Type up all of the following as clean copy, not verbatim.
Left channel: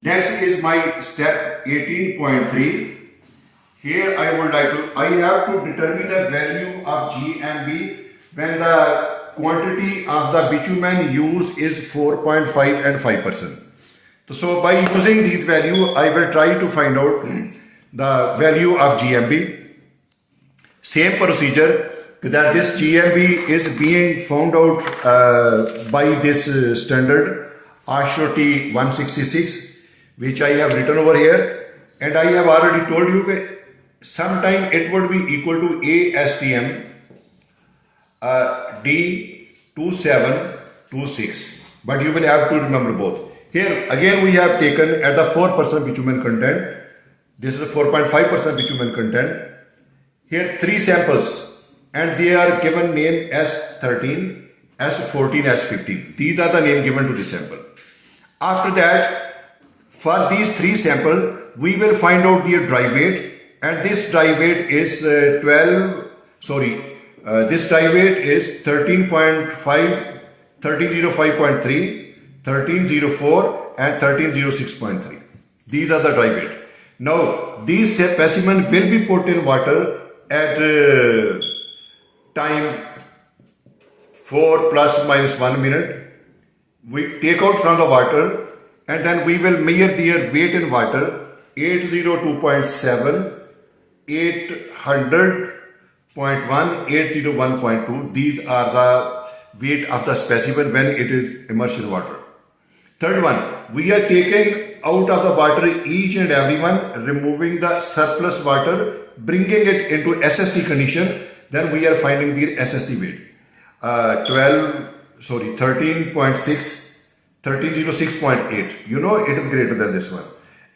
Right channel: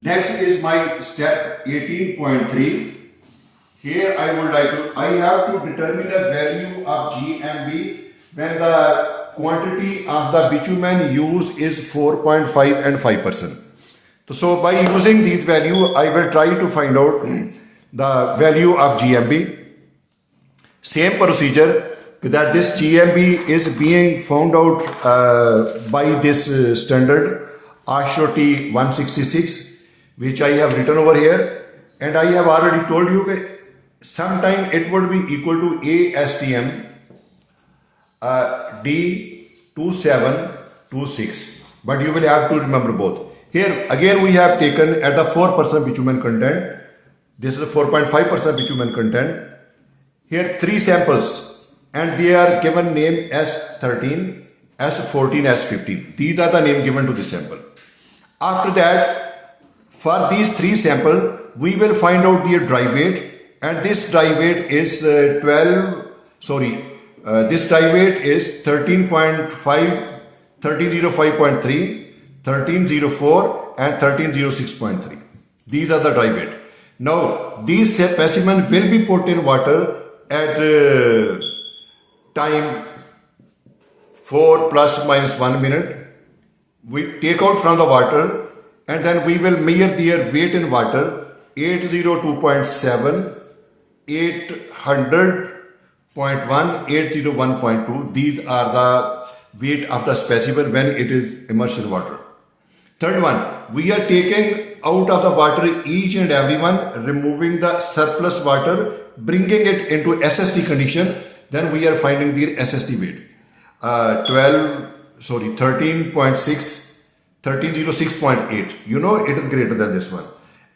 Next is my step 18.3. Here I have to determine the value of GMB when the quantity of the bitumen used is 4.5 and 5%. So by using these value, I will try to find out the value of GMB. Same procedure that this GMB is being found out by this standard ASHO 166, which I have written over here, and I have already told you that sometime it would be equal to ASTM D2726, but you will have to remember both. Here again we have taken at the 4% bitumen content. This is 4.5% bitumen content. Here 3 samples, and they are given name S13, S14, S15. These are the name given to this sample. After that, for these 3 samples, we will find out their dry weight, and this dry weight is this dry weight is 13.5, 1305.3, 1304 and 1306.3. These are the dry weight. Now, these specimens will be put in water at time 4 plus minus 1 minute. We take out from the water, and then we will measure their weight in water 802.7, 800.1, 801.2. These are the weight of the specimen when it is immersed in water. Third one, we are taking out of the water each and every one, removing the surplus water, bringing it into SST condition. Then we are finding the SST weight. 13.6, 1306.8. You know it is greater than this one.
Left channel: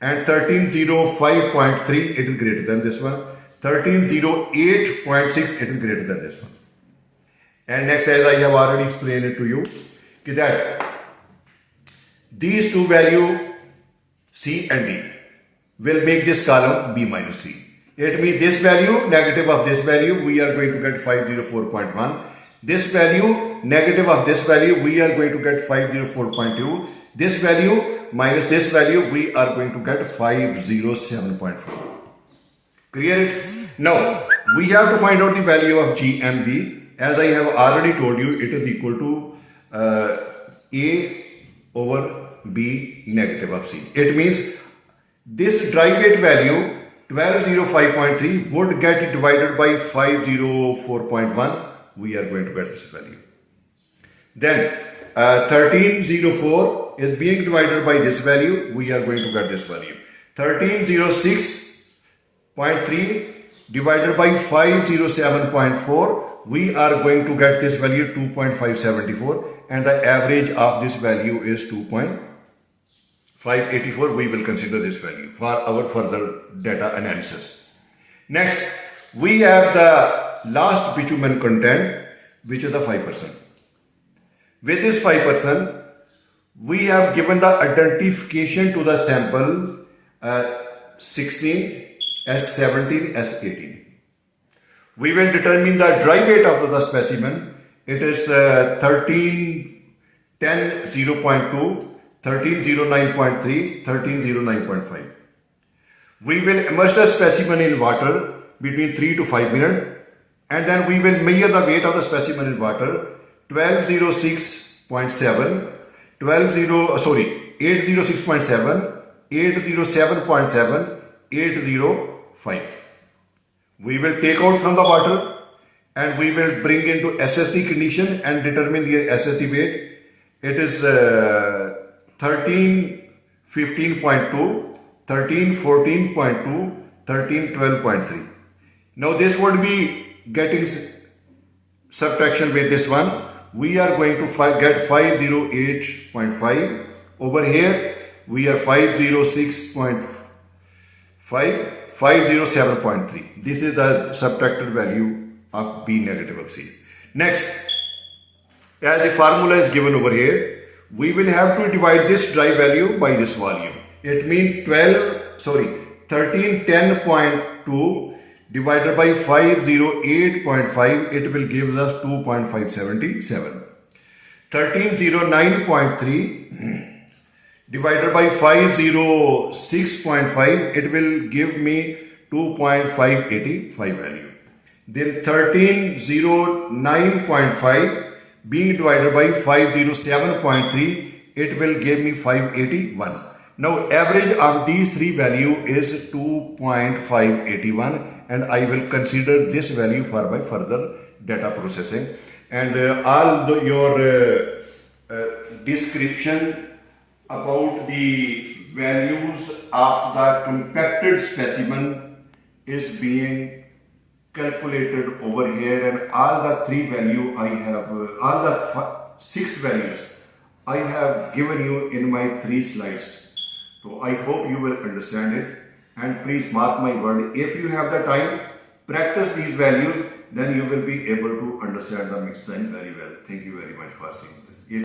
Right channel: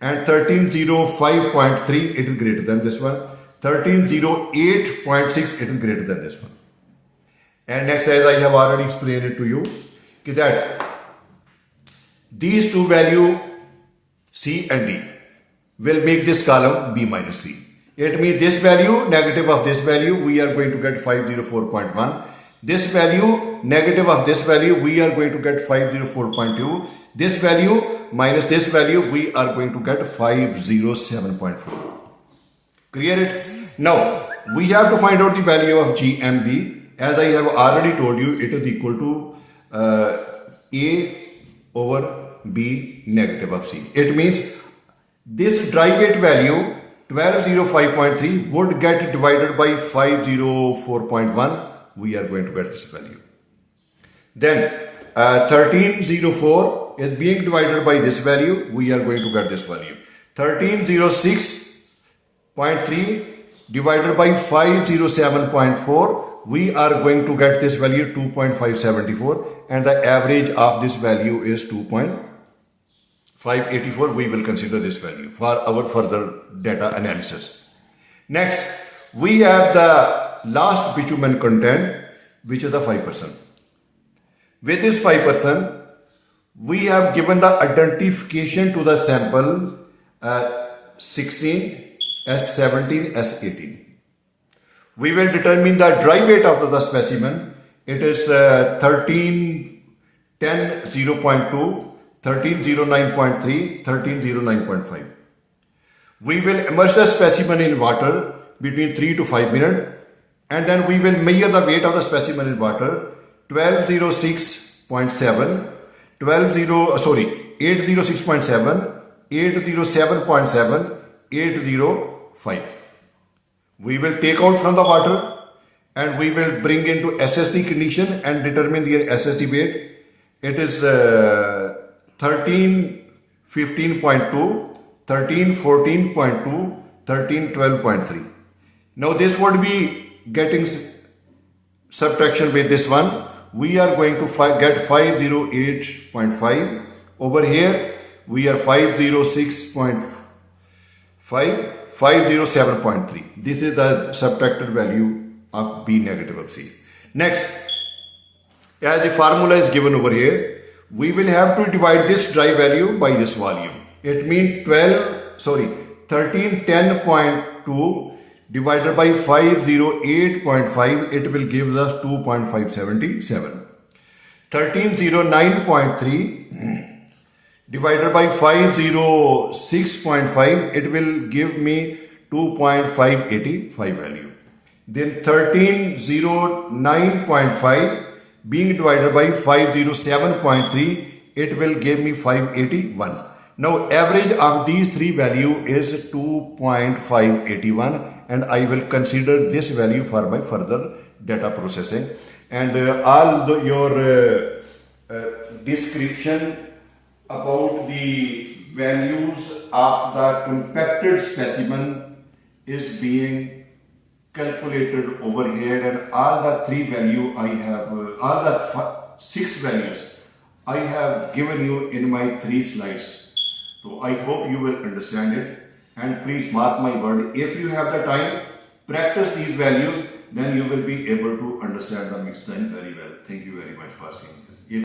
And 1305.3, it is greater than this one. 1308.6, it is greater than this one. And next, as I have already explained it to you, that these two values C and D will make this column B minus C. It means this value, negative of this value, we are going to get 504.1. This value, negative of this value, we are going to get 504.2. This value minus this value, we are going to get 507.4. Clear it? Now, we have to find out the value of GMB. As I have already told you, it is equal to A over B negative of C. It means this dry weight value 1205.3 would get divided by 504.1. We are going to get this value. Then 1304 is being divided by this value. We are going to get this value. 1306.3 divided by 507.4. We are going to get this value 2.574, and the average of this value is 2.584. We will consider this value for our further data analysis. Next, we have the last bitumen content, which is the 5%. With this 5%, we have given the identification to the sample 16, S17, S18. We will determine the dry weight of the specimen. It is 1310.0.2, 1309.3, 1309.5. We will immerse the specimen in water between 3 to 5 minutes, and then we will measure the weight of the specimen in water 806.7, 807.7, 805. We will take out from the water, and we will bring into SST condition and determine the SST weight. It is 1315.2, 1314.2, 1312.3. Now this would be getting subtraction with this one. We are going to get 508.5. Over here we are 506.5, 507.3. This is the subtracted value of B negative of C. Next, as the formula is given over here, we will have to divide this dry value by this volume. It means 1310.2 divided by 508.5, it will give us 2.577. 1309.3 divided by 506.5, it will give me 2.585 value. Then 1309.5 being divided by 507.3, it will give me 581. Now average of these three value is 2.581, and I will consider this value for my further data processing. And your description about the values of the compacted specimen is being calculated over here, and all the three value I have, all the six values I have given you in my 3 slides. So I hope you will understand it, and please mark my word, if you have the time, practice these values, then you will be able to understand the mixed sign very well. Thank you very much for seeing this.